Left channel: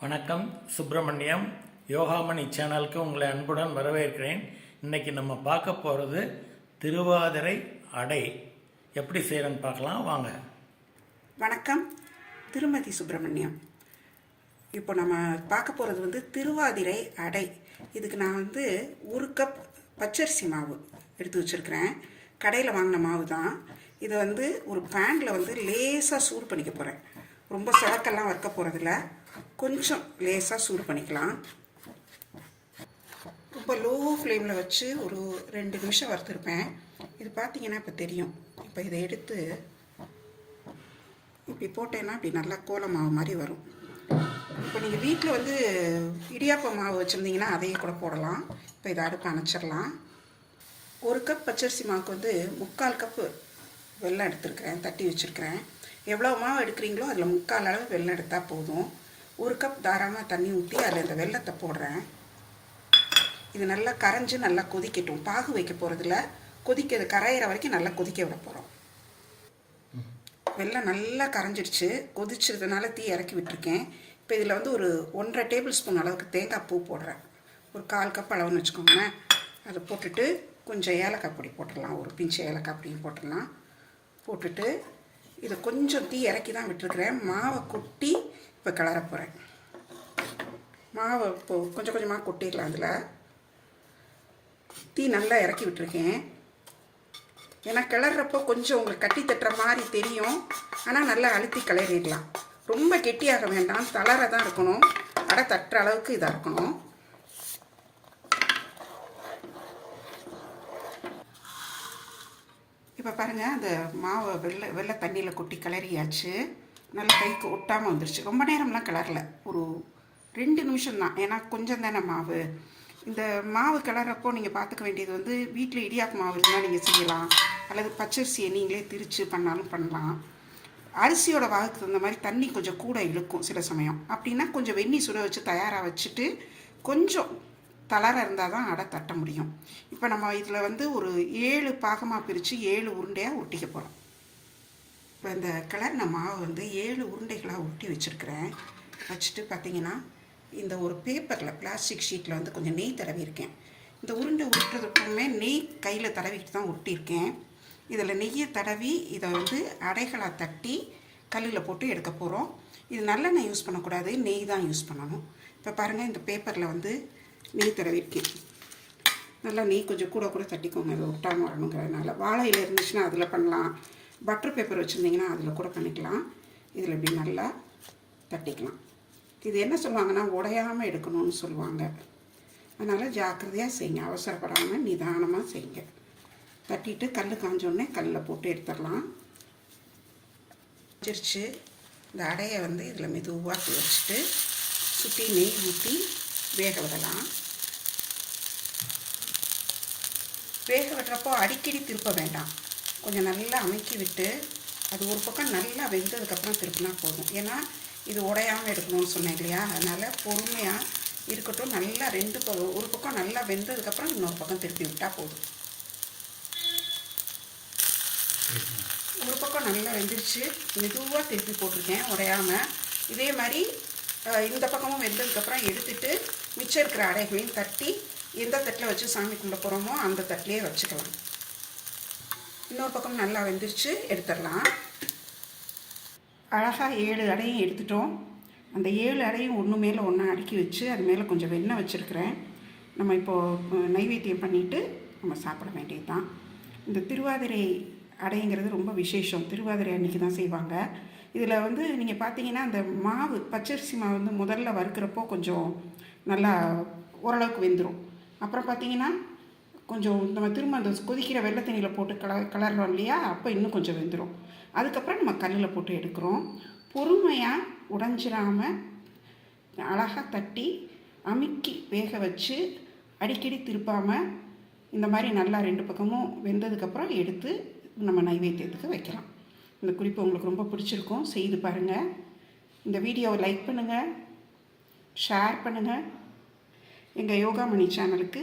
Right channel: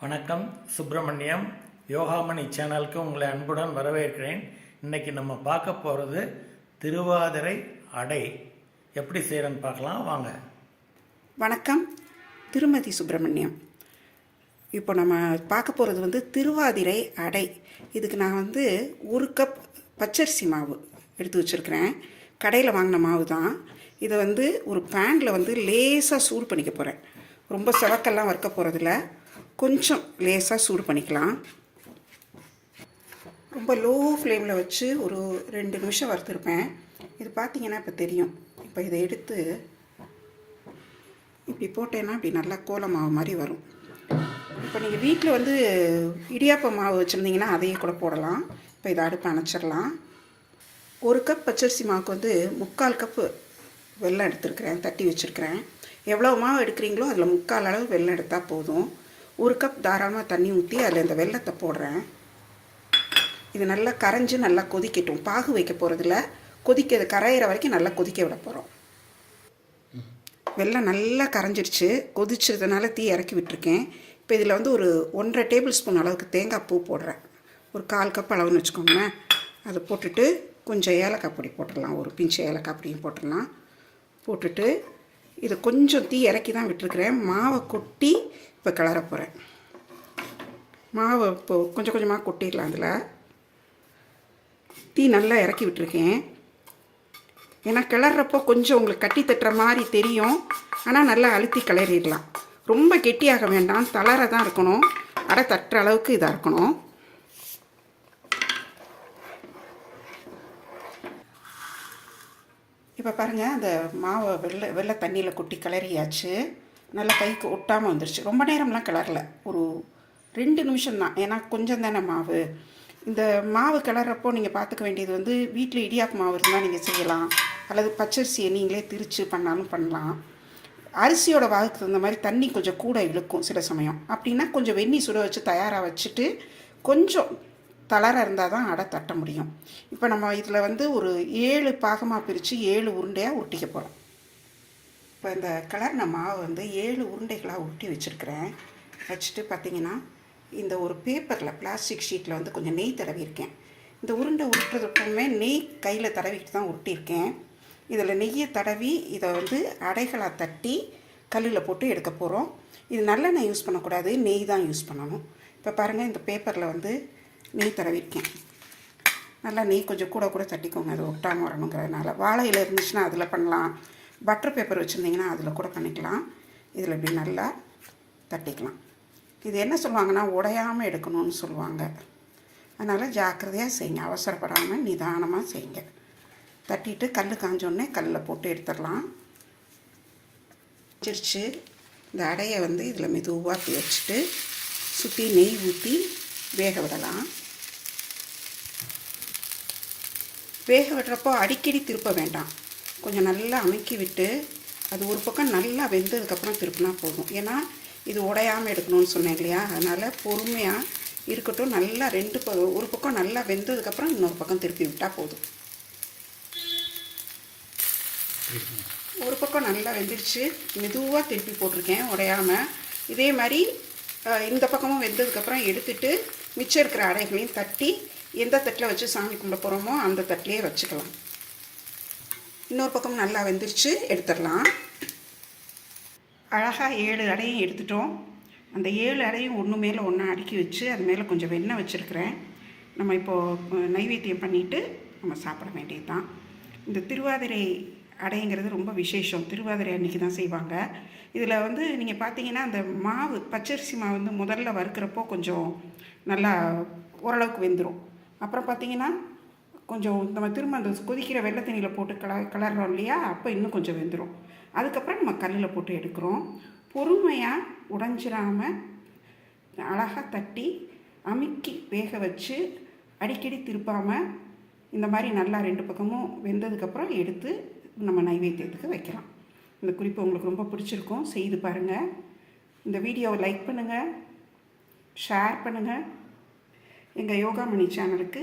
வணக்கம் சுப்பிரமணியம். யோகாமணி சேனலுக்கு உங்களை அன்புடன் வரவேற்கிறேன். இன்னைக்கு நம்ம பார்க்க போகிறது திருவாதிரை அடை. எப்படி செய்கிறேன்னு பார்க்கலாம். வாங்க. வணக்கம். திருமதி சுப்பிரமணியம். இப்போ நம்ம பார்க்க போகிறது வந்து திருவாதிரை அடை. இதுக்கு நான் வந்து ஒரு கப் பச்சரிசி மாவு எடுத்து வச்சுருக்கிறேன். கடையில் வாங்கின மாவு தான் இதை வந்து ஒரு பேனில் வந்து லேசாக சூடு பண்ணிக்க போகிறேன் ரொம்ப சிவக்கெல்லாம் வறுக்க போகிறதில்ல கொஞ்சம் லேசாக சூடு பண்ணிக்கலாம். ரொம்ப லோ ஃப்ளேமில் வச்சு ஒரு ரெண்டு நிமிஷம் வறுத்துருப்பேன். இது பார்த்தீங்கன்னா இப்போ தெரியும். இப்போ இதை எடுத்து இப்படி போட்டேன்னா இப்படி நல்லா கோல மாவு மாதிரி வரும். இப்போ நீங்கள் வீட்டில் வந்து இடியாப்ப மாவு வச்சுருந்தீங்கன்னா அதையும் கூட போடலாம். இப்போ இதை அடுப்பு அணைச்சிடலாம். ஒரு கப் பச்சரிசி மாவுக்கு வந்து முக்கால் கப்பு வெள்ளம் எடுத்துருக்கிறேன். தட்டி வச்சுருக்கிறேன். எவ்வளோ மாவு எடுக்கிறீங்களோ அதில் முக்கால் அளவு வெள்ளம் எடுத்தால் போதும். ஒரு கப் தாராளமாக தண்ணி ஊற்றி அதில் இந்த வெல்லத்தை போடுறேன். இது நல்லா கரைஞ்சி நல்லா கொதிக்கட்டும். பாகு வைக்க போகிறதில்ல கொதிக்கிறது கரையிற வரைக்கும் நல்லா கொதிக்க விட போகிறோம் வெள்ளம் நல்லா கரைஞ்சிருச்சு. கொதிச்சதுனால தீ இறக்கி விட்டுருக்கேன். இப்போ இதில் வந்து ஒரு ஒன்றரை டேபிள் ஸ்பூன் அளவுக்கு தேங்காய் பூ போடுறேன். ஒரு கால் கப் அளவுன்னு வச்சுக்கோங்களேன். அதை போட்டுட்டு கொஞ்சம் ஏலக்காய் பொடி போட்டுடலாம். ஒரு பிஞ்சு ஏலக்காய் பொடியும் போட்டுடலாம். போட்டுட்டு இதை கொஞ்சம் தீ இறக்கி தான் விட்டுருக்குறேன். மாவை கொட்டி இப்போ கிளற போகிறேன் மாவை இப்போ கொஞ்சம் கொஞ்சமாக கொட்டிடலாம் அதில் தீ நல்லா இறக்கி விட்டுருக்கேன். ஏன்னா கிளறப்போ கொஞ்சம் உங்களுக்கு கட்டி தட்டுற மாதிரி தெரியும். ஆனால் நல்லா அழுத்தி கிளறிடலாம். ரொம்ப கெட்டியாக வேண்டாம். தளர தான் இருக்கணும். அடை தட்டுற அளவுக்கு இதாக இருக்கணும். இப்போ பாருங்கள் அந்த மாவை வெள்ளை வெள்ளை தண்ணியில் கொட்டி கிளறியாச்சு. நல்லா கைக்கு ஒட்டாமல் வந்துடுச்சு ரொம்ப நேரம்லாம் கிளறல. ஒரு ரெண்டு நிமிஷம் தான் ஏன்னா கொஞ்சம் தானே மாவு. இந்த மாவு கிளறப்போ நீங்கள் பார்த்துக்க வேண்டியது வந்து வீட்டில் இடியாப்பு மாவு இருந்தால் நீங்கள் செய்யலாம். அல்லது பச்சரிசியை நீங்களே திரித்து பண்ணாலும் பண்ணலாம். அரிசியோட வாகுக்கு தகுந்த மாதிரி தண்ணி கொஞ்சம் கூட இழுக்கும் சில சமயம். அப்படின்னா கொஞ்சம் வெந்நி சுட வச்சு தயாராக வச்சுட்டு கொஞ்சம் தளர இருந்தால் தான் அடை தட்ட முடியும். இப்போ நம்ம இதில் வந்து ஒரு ஏழு பாகமாக பிரித்து ஏழு உருண்டையாக உருட்டிக்க போகிறோம் இப்போ இந்த கலர்ன மாவு வந்து ஏழு உருண்டைகளாக உருட்டி வச்சுருக்கிறேன். வச்சுட்டு பார்த்தீங்கன்னா இந்த ஒரு பேப்பரில் பிளாஸ்டிக் ஷீட்டில் வந்து கொஞ்சம் நெய் தடவியிருக்கேன். இந்த உருண்டை உருட்டுறதுக்குமே நெய் கையில் தடவிட்டு தான் உருட்டியிருக்கேன். இதில் நெய்யை தடவி இதை வந்து அடைகளாக தட்டி கல்லில் போட்டு எடுக்க போகிறோம். இது நல்லெண்ணெய் யூஸ் பண்ணக்கூடாது நெய் தான் யூஸ் பண்ணணும். இப்போ பாருங்கள் இந்த பேப்பரில் வந்து நெய் தடவிருக்கேன் நல்லா நெய் கொஞ்சம் கூட கூட தட்டிக்கோங்க அது ஒட்டாமல் வரணுங்கிறதுனால. வாழை இலை இருந்துச்சுன்னா அதில் பண்ணலாம். பட்டர் பேப்பர் வச்சுருந்தீங்கன்னா அதில் கூட பண்ணிக்கலாம். இதில் இப்படி நல்லா தட்டிக்கலாம். இது என்ன சொல்லுவாங்கன்னா உடையாமல் எடுக்கணும்னு சொல்லுவாங்க. அதனால் ஜாக்கிரதையாக செய்யுங்க. அவசரப்படாமல் நிதானமாக செய்யுங்க. தட்டிட்டு கல் காஞ்சோடனே கல்லில் போட்டு எடுத்துடலாம். வச்சிருச்சு. இந்த அடையை வந்து இதில் மெதுவாக வச்சுட்டு சுற்றி நெய் ஊற்றி வேக விடலாம். வேக விடுறப்போ அடிக்கடி திருப்ப வேண்டாம். கொஞ்சம் நல்லா அமைக்கி விட்டு அது ஒரு பக்கம் நல்லா வெந்ததுக்கப்புறம் திருப்பினா போதும். ஏன்னா இது உடையாமல் எடுக்கணும்னு சொன்னேன் இல்லையா? அதனால் பொறுமையாக இருக்கட்டும். நல்லா ரெண்டு ஒரு பக்கம் நல்லா வெந்ததுக்கப்புறம் இன்னொரு பக்கம் திருப்பி விட்டால் போதும். ஒரு பக்கம் நல்லா வெந்துருச்சு. மெதுவாக திருப்பி போட்டிருக்கேன் உடையாமல் இதே மாதிரி இந்த பக்கமும் வெந்ததுக்கப்புறம் எடுத்துட்டு மிச்சம் இருக்கிற அடைகளையும் தட்டி எந்த தட்டில் வச்சு சாமி கும்பிட போகிறோமோ அந்த தட்டிலே வச்சுக்கலாம். இன்னொரு பக்கம் நல்லா வெந்துருச்சு எடுத்துடலாம். அழகாக ஏழு அடையும் எடுத்துட்டோம். அந்த ஏழு அடையும் ஒன்று மேலே ஒன்றா அடுக்கி வச்சு அது மேலே கொஞ்சம் வெண்ணெய் வச்சுருக்கிறேன். நம்ம இப்போது நைவேத்தியம் பண்ணிவிட்டு நம்ம சாப்பிட வேண்டியது தான் இந்த திருவாதிரை அடைங்கிறது ரொம்ப விசேஷம். திருவாதிரை அன்னைக்கு தான் செய்வாங்க. இதில் வந்து நீங்கள் பார்த்தீங்கன்னா அந்த மாவு பச்சரிசி மாவு வந்து முதல்ல வறுக்கிறப்போ கொஞ்சம் நல்லா ஓரளவுக்கு வெந்துடும் அப்புறம் பார்த்தீங்கன்னா கொஞ்சம் நம்ம திரும்ப அந்த கொதிக்கிற வெள்ளை தண்ணியில் போட்டு கல கலர்றோம் இல்லையா? அப்போ இன்னும் கொஞ்சம் வெந்துடும் அதுக்கப்புறம் நம்ம கல்லில் போட்டு எடுக்கிறோம். பொறுமையாக உடஞ்சிடாமல் அழகாக தட்டி அமுக்கி வேக வச்சு அடிக்கடி திருப்பாமல் இந்த மாதிரி நல்லா ரெண்டு பக்கமும் வெந்ததுக்கப்புறம் எடுத்து நம்ம நைவேத்தியத்துக்கு வைக்கலாம். இந்த குறிப்பு உங்களுக்கு ரொம்ப பிடிச்சிருக்கும். செய்து பாருங்கள் இந்த வீடியோவை லைக் பண்ணுங்கள் ஷேர் பண்ணுங்கள் எங்கள் யோகாமணி சேனலுக்கு